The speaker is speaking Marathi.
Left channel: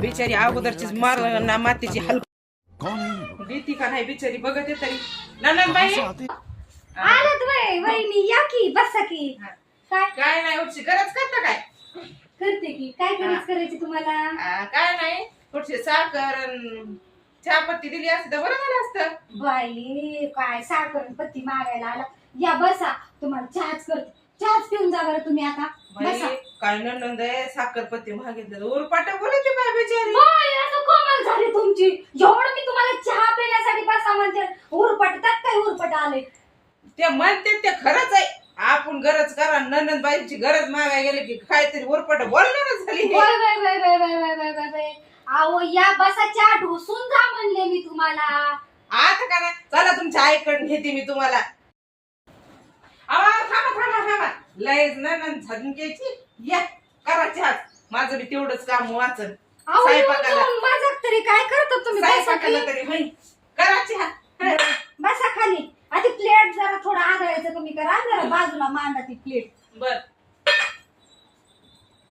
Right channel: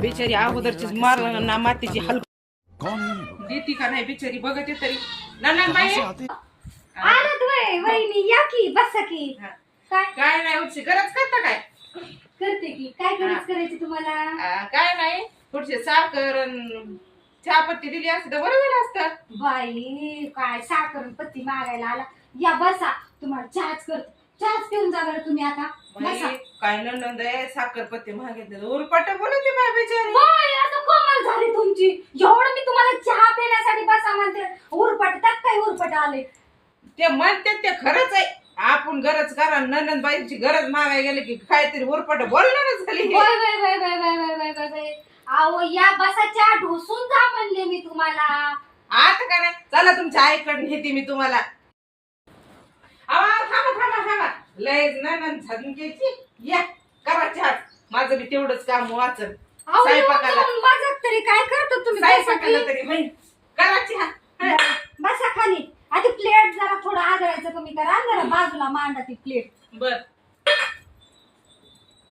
बिचारी अगोदरचीच मातीची हलक कौन है ये लोग? देती का नाही बिचारी बघते तरी नंदनबाई आलात वहिनी या की बसा की. काय काय नाही उठची गरज करता काय करते की काय गरज करायची तुम्हाला? काय नाही थोडीशी साखर अन चहापत्ती दिली असती तर बरं झालं असतं. बाई काय साखर पत्ती मागायला आला. या बसा तुम्हाला चहाच करते. चहाच पिऊन जा बरं तुम्ही आता. बाई बसा. काय नंद आहे साखरपत्ती मागितलं उरपाट बोलते बाय बिचारी. बाई आता कमाल झाली तुमची. एवढं मी तुम्हाला चहा पिण्यासाठी बसा म्हणते. उरपट त्यात काय उरपट आले. ते म्हणते ते खरंच आहे. आपण गरज करा नंदनबाईंची गरज मागाय गेले की काहीतरी उरपाट बोलणारच झाली. Bye bye bye bye bye bye bye bye bye. अहो या बसा चहा ढोसून जा म्हणले मी तुम्हाला. आता का नाही चला तुमच्या आईकडून घेते मी तुम्हाला. थांबा लयच नंदन झाडून घ्यायची. या करा चहा. माझं बी तेवढंच काम वाचन. अहो स्वयंपाकाला माझं तरी काय करता तुम्ही? बसा स्वयंपाकाला की. तरी होईल. करा चहा. बसा खाली. आधी प्लेट जरा थोडं आदळायचं कमी करा. जरा बाजूला मांडा ती प्लेट. बर